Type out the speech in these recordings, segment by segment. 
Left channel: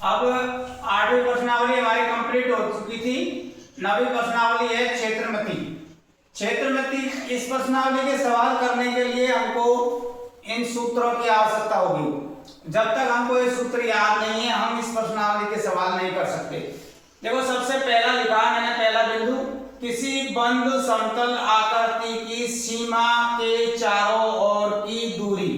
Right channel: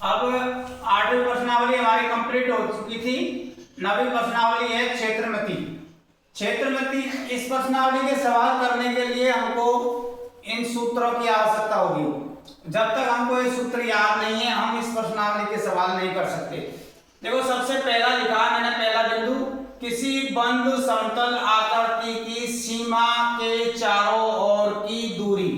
अब 8वीं प्रश्नावली हमारी कंप्लीट हो चुकी थी। 9वीं प्रश्नावली है क्षेत्रमति। क्षेत्रमति इस प्रश्नावली के सवाल करने के लिए हमको इन सूत्रों की आवश्यकता होगी। जब तक हमको ये सूत्र याद नहीं है हम इस प्रश्नावली के सवाल नहीं कर सकते। देखो सबसे पहला लिखा मैंने, पहला बिंदु, किसी बंद समतल आकृति की सीमा के चारों ओर की दूरी,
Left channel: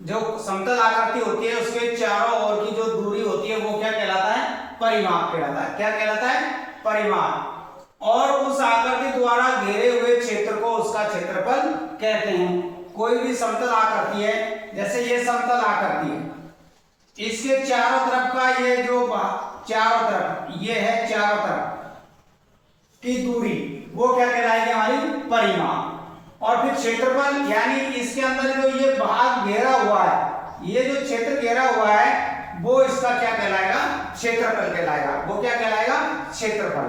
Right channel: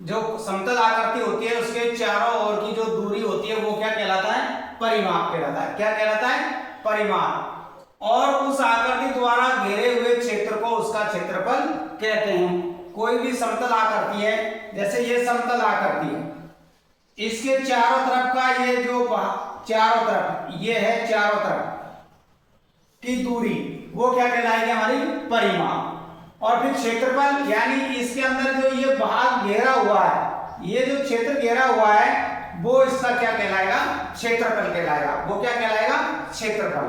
जो समतल आकृति होती है उसके चारों ओर की जो दूरी होती है वो क्या कहलाता है? परिमाप कहलाता है। क्या कहलाता है? परिमाप। और उस आकृति द्वारा घेरे हुए क्षेत्र को उसका क्षेत्रफल कहते हैं। कोई भी समतल आकृति है, जैसे ये समतल आकृति है, इसके चारों तरफ का ये जो चारों तरफ ये है, चारों तरफ की दूरी वो क्या कहलाएगी? हमारी परिमाप। और फिर क्षेत्रफल, यानी इसके अंदर जो ये भाग घेरा हुआ है, ये जो क्षेत्र घेरा हुआ है वो इसका क्या कहलाएगा? क्षेत्रफल कहलाएगा। वो क्या कहलाएगा? क्षेत्रफल।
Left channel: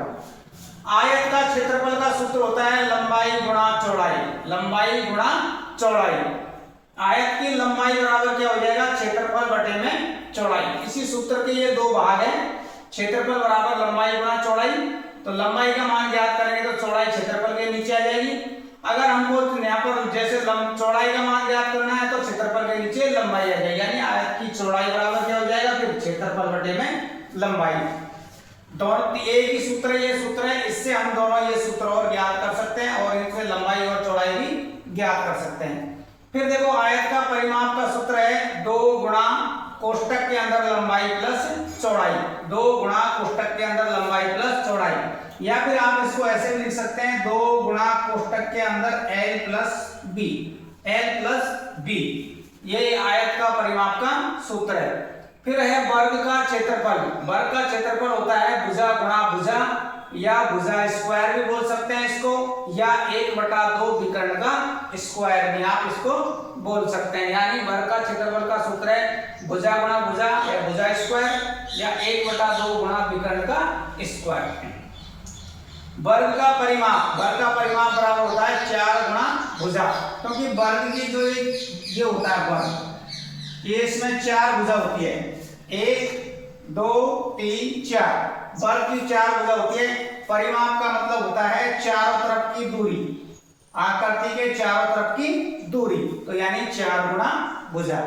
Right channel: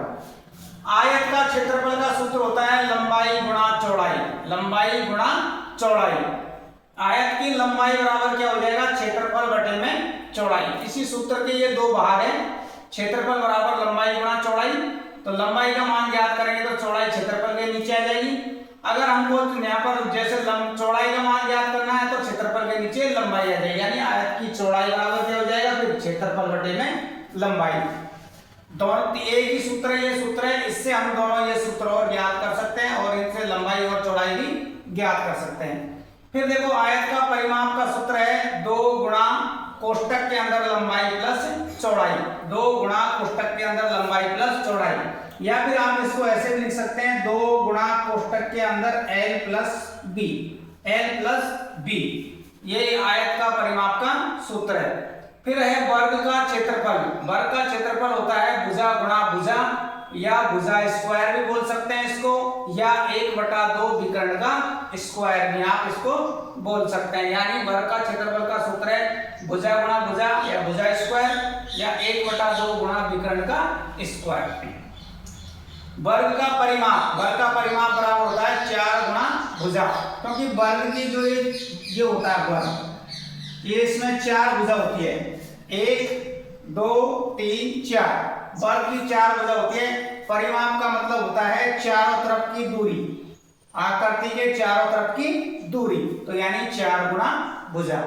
आयत का क्षेत्रफल का सूत्र होता है लंबाई गुणा चौड़ाई। लंबाई गुणा चौड़ाई। आयत की लंबाई बराबर क्या हो जाएगा? क्षेत्रफल बटे में चौड़ाई। इसी सूत्र के ये दो भाग हैं, क्षेत्रफल बराबर लंबाई गुणा चौड़ाई। तो लंबाई का मान ज्ञात करेंगे तो चौड़ाई क्षेत्रफल के नीचे आ जाएगी। अगर हमको यहाँ पर जैसे चौड़ाई का मान ज्ञात करना है तो क्षेत्रफल के नीचे लंबाई आ जाएगी, यानी आयत की चौड़ाई बराबर क्या हो जाएगा? फिर क्षेत्रफल बटे में लंबाई। दोनों एक ही सूत्र है, ये सूत्र है, इससे हम दोनों ये सूत्र और ज्ञात कर सकते हैं और इनसे लंबाई और चौड़ाई भी ज्ञात कर सकते हैं। फिर देखो आयत का परिमाप का सूत्र है 2 गुणा कोष्टक के अंदर लंबाई प्लस चौड़ाई। 2 गुणा कोष्टक के अंदर लंबाई प्लस चौड़ाई। या फिर आप इसको ऐसे भी लिख सकते हैं 2 गुणा कोष्टक के अंदर L plus B. L plus B, ये आयत का परिमाप का सूत्र है। फिर है वर्ग का क्षेत्रफल। वर्ग का क्षेत्रफल होता है भुजा गुणा भुजा, या भुजा स्क्वायर भी बोल सकते हैं इसको, या 1/2 विकर्ण का स्क्वायर भी आप इसको बोल सकते हैं। यानी वर्ग का क्षेत्रफल का सूत्र है भुजा गुणा भुजा या भुजा स्क्वायर, या 1/2 गुणा विकर्ण का स्क्वायर। वर्ग का परिमाप, वर्ग का परिमाप बराबर होता है 4 गुणा भुजा, क्योंकि वर्ग की जो ये होता है वर्ग, ये इसमें 4 भुजा होती है, 1 2 3 4, वर्ग की 4 भुजा होती है। परिमाप का मतलब होता है चारों तरफ की दूरी, आकृति के चारों तरफ की दूरी, तो यानी 4 गुणा भुजा।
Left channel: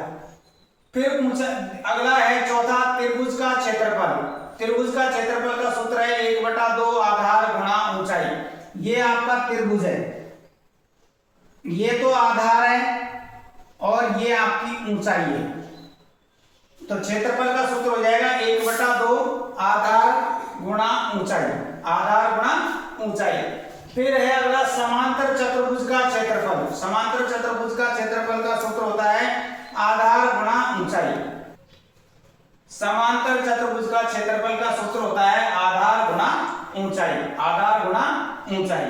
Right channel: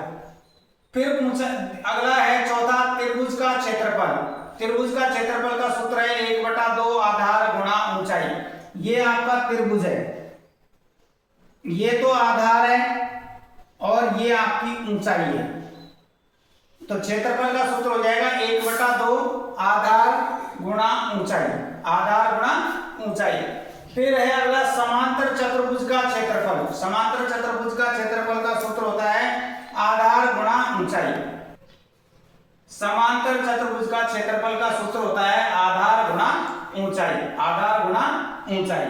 फिर अगला है चौथा, त्रिभुज का क्षेत्रफल। त्रिभुज का क्षेत्रफल का सूत्र है 1/2 आधार गुणा ऊंचाई। ये आपका त्रिभुज है, ये तो आधार है और ये आपकी ऊंचाई है, तो क्षेत्रफल का सूत्र हो जाएगा 1/2 आधार गुणा ऊंचाई। आधार गुणा ऊंचाई। फिर है अगला समांतर चतुर्भुज का क्षेत्रफल। समांतर चतुर्भुज का क्षेत्रफल का सूत्र होता है आधार गुणा ऊंचाई। समांतर चतुर्भुज का क्षेत्रफल का सूत्र होता है आधार गुणा ऊंचाई। आधार गुणा ऊंचाई।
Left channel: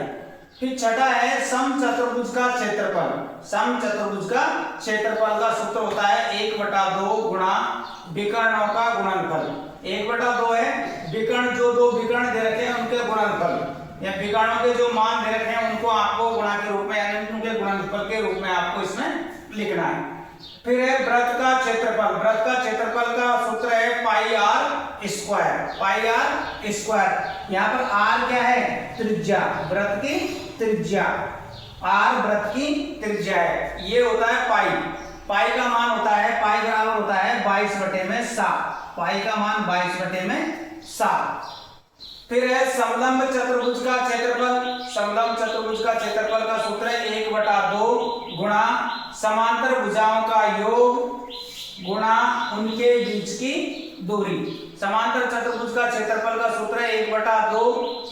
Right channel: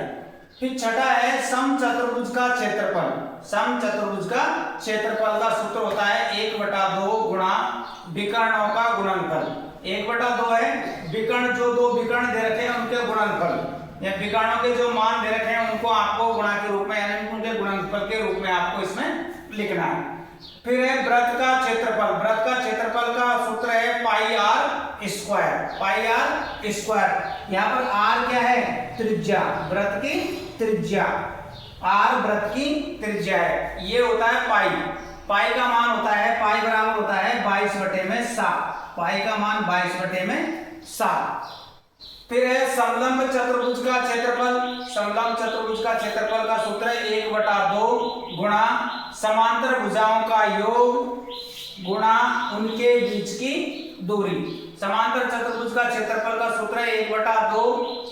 फिर छठा है सम चतुर्भुज का क्षेत्रफल। सम चतुर्भुज का क्षेत्रफल का सूत्र होता है 1/2 गुणा विकर्णों का गुणनफल। 1/2 है विकर्ण, जो 2 विकर्ण दे रखे हैं उनके गुणनफल, या विकर्णों के जो मान दे रखे हैं उनको आपको गुणा के रूप में, यानी उनके गुणनफल के रूप में आपको इसमें लिखना है। फिर है वृत्त का क्षेत्रफल। वृत्त का क्षेत्रफल का सूत्र है pi r square. Pi r square. यहाँ पर आर क्या है? त्रिज्या, वृत्त की त्रिज्या। आर वृत्त की त्रिज्या है, ये होता है पाई। पाई का मान होता है, पाई बराबर होता है 22/7। पाई का मान 22/7। फिर है समलंब चतुर्भुज का क्षेत्रफल। समलंब चतुर्भुज का क्षेत्रफल का सूत्र है 1/2 गुणा समांतर भुजाओं का योग गुणा उनके बीच की दूरी। समांतर चतुर्भुज का क्षेत्रफल का सूत्र है 1/2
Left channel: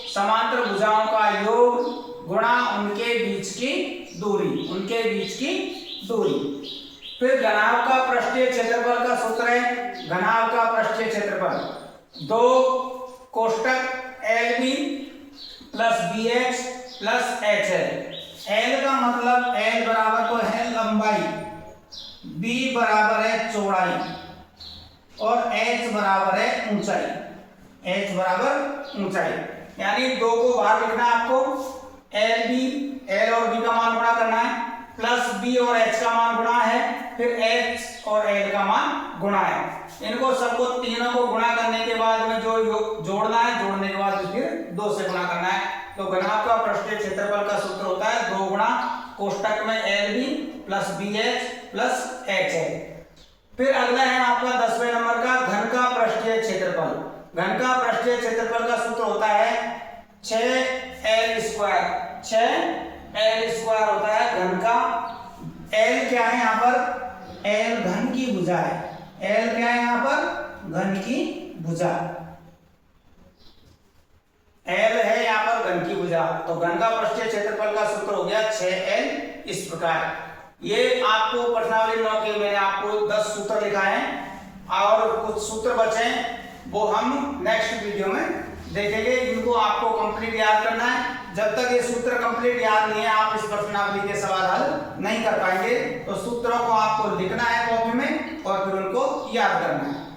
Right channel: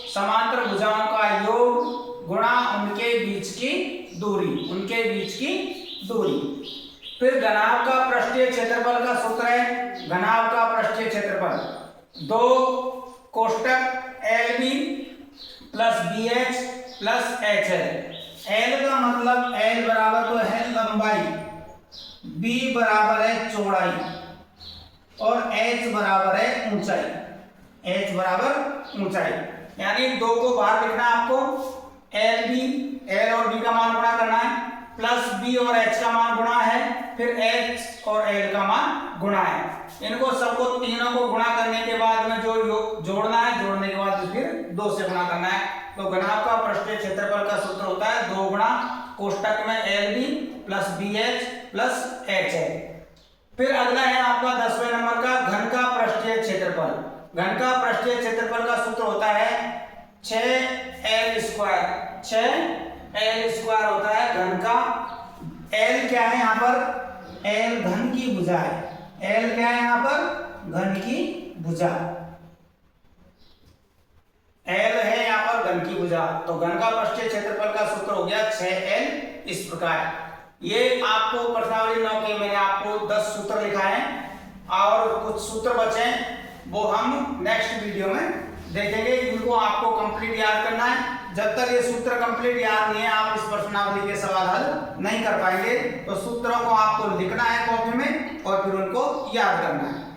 समांतर भुजाओं का योग गुणा उनके बीच की दूरी। उनके बीच की दूरी। फिर घनाभ का पृष्ठीय क्षेत्रफल का सूत्र है, घनाभ का पृष्ठीय क्षेत्रफल 2 कोष्टक LB plus BH plus HL। L का मतलब L बराबर तो है लंबाई, B बराबर है चौड़ाई और H बराबर है ऊंचाई। H बराबर ऊंचाई, यानी 2 को बाहर लिखना है आपको। L और B का मान गुणा करना है। प्लस बी और एच का मान गुणा है, फिर एच और एल का मान गुणा है। इनको सबको तीनों को गुणा करने के बाद में जो जोड़ना है, जोड़ने के बाद फिर 2 से गुणा करना है। तो घनाभ का पृष्ठीय क्षेत्रफल का सूत्र होता है 2 गुणा कोष्टक में L B plus B H plus H L. फिर अगला है आपका 10वें नंबर का घन का पृष्ठीय क्षेत्रफल। घन का पृष्ठीय क्षेत्रफल का सूत्र होता है 6L स्क्वायर। 6L स्क्वायर होता है घन का। L क्या है यहाँ पर? L घन की भुजा है। L क्या है यहाँ पर? घन की भुजा। L है यहाँ पर घन की भुजा। तो घन का पृष्ठीय क्षेत्रफल का सूत्र हो गया 6L इस प्रकार। ये आपको प्रश्नावली 9 के मैंने आपको 10 सूत्र लिखा है और कुछ सूत्र बचे वो हम नेक्स्ट वीडियो में देखेंगे। इनको आपको कंप्लीट याद करना है। जब तक ये सूत्र कंप्लीट याद नहीं है आप इस प्रश्नावली के सवाल हल नहीं कर पाएंगे। तो सूत्रों को आपको लिखना है कॉपी में और फिर उनको याद करना है।